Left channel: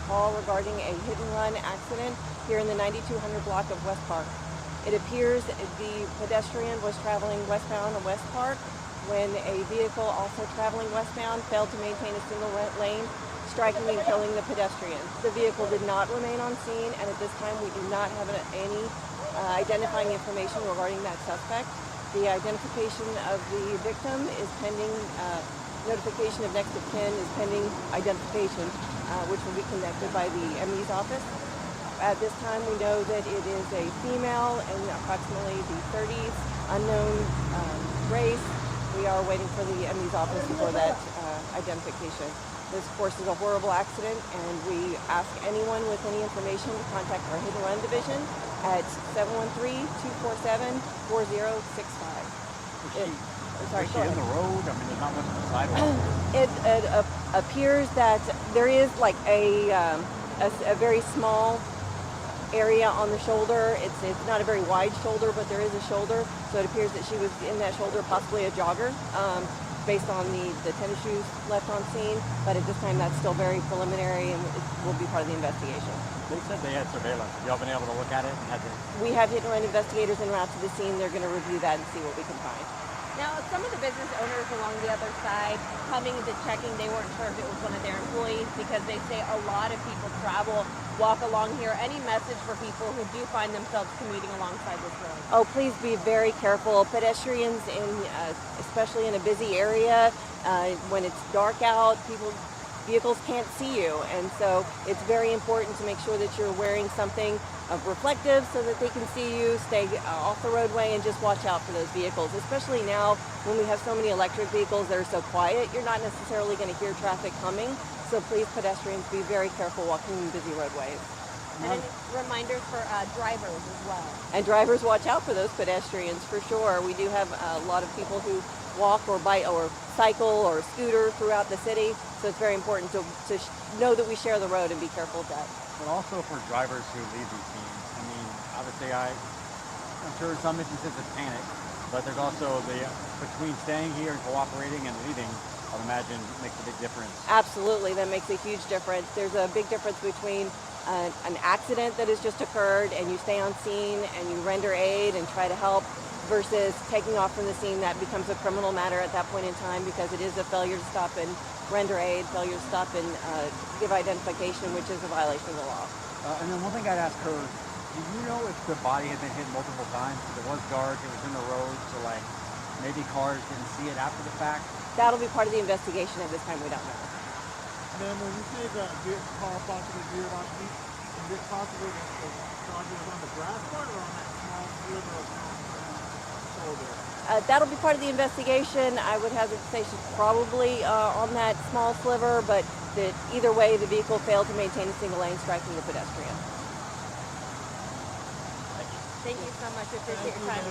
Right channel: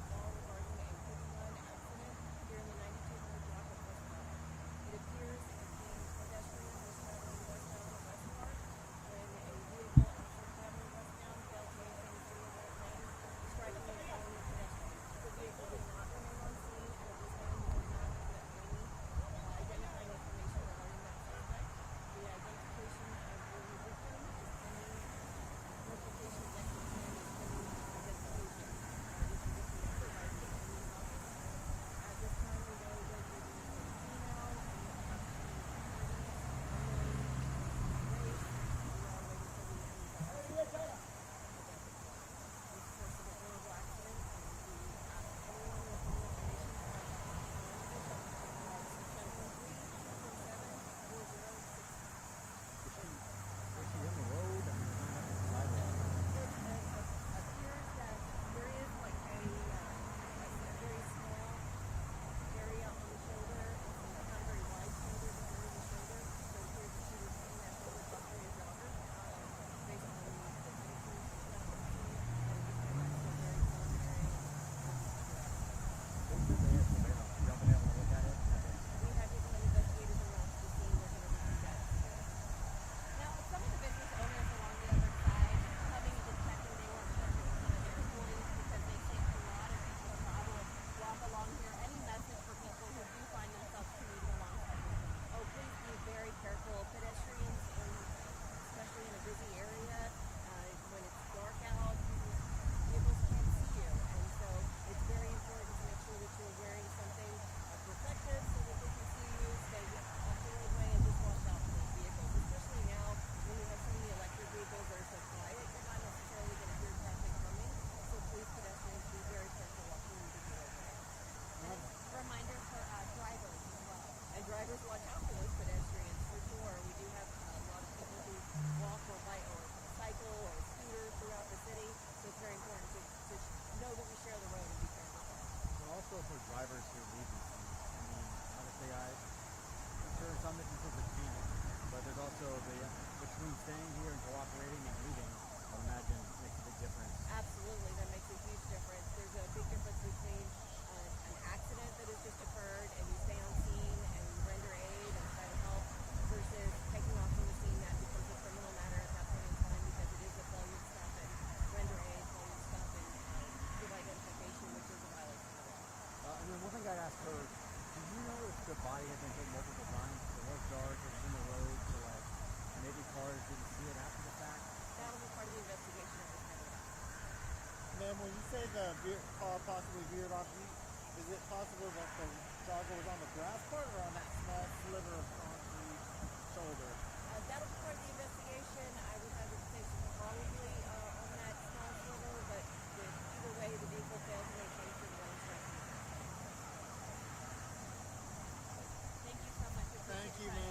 a call regarding a hit-and-run accident here in the 9200 block of Westpark. It appears the pedestrian was traveling westbound on Westpark when a vehicle also traveling westbound failed to maintain a single lane, striking and killing the pedestrian. The vehicle did not remain on scene, and at this time we do not have any identifying information regarding that suspect. The identification of the victim is pending. Notification of next of kin is pending identification, which will be conducted by the ME's office. At this time, we know that it is a female in approximately the 30s, unknown race. We are waiting for the ME's office for that identification. This, of course, is a horrible accident, and we ask anyone with any information to contact our Hit and Run division at 713-247-4065. Sorry, is she in the road? I mean, there's not much of a sidewalk. It appears that there is like a very small area on the shoulder. It's not a very wide shoulder, but there is a shoulder. So it appears that she was in that shoulder, possibly a jogger, based on the tennis shoes left on scene. But at this time, that's still very preliminary and it will be part of the investigation. They said they had surveillance. Have y'all been able to look at it? We have hit and run investigators en route to the scene. They're going to review that and see what we can find. Now, some of the business owners along the other side coming into checking, they weren't sure if it was one of their employees because they say a lot of people travel, walk along here. Any message for people who do find themselves commuting alongside this road? Oh, please be very careful. Pedestrians, especially in a busy area, when it's dark out, vehicles can't see you, and so it's very important to make sure that you're wearing something reflective so that they can see you. Stay off the roadway and just watch out for those vehicles, especially now when we have so many electric vehicles that are so quiet. You're not necessarily going to hear traffic coming, so please, pedestrians, be very careful walking in busy roadways. And reminders for drivers as well. And drivers, watch out for those pedestrians for sure. We do have a lot of people who walk or bike or cycle or scooter throughout the city, so it's very important to know that we share the road and be careful of that. But also for drivers who leave these scenes. I mean, obviously I'm sure in some instances it's panic, but there's also between staying here and cooperating and leaving, I'd imagine makes a big difference. Absolutely, that makes a huge difference. There's a big difference between an accident that has just occurred and you stay on scene and you render aid and try to help versus taking off from the scene. That becomes a criminal matter at that point in time because it is a failure to stop and render aid, failure to stop and give identification, which is a violation of the law. And then one thing I'd ask her, do you know if the body had been hit multiple times? It was dark, it was in the road, so like maybe cars didn't see it after the fact? That'll be part of the investigation. At this time, we don't know. And then when you say the car possibly veered off, is it possible that the charger was on the grass part or on that small sliver of shoulder? That'll be part of the investigation. I would hazard to say she's probably on that small sliver, but that either way, the vehicle failed to maintain a single lane, striking the pedestrian. Thank you so much. We appreciate your time.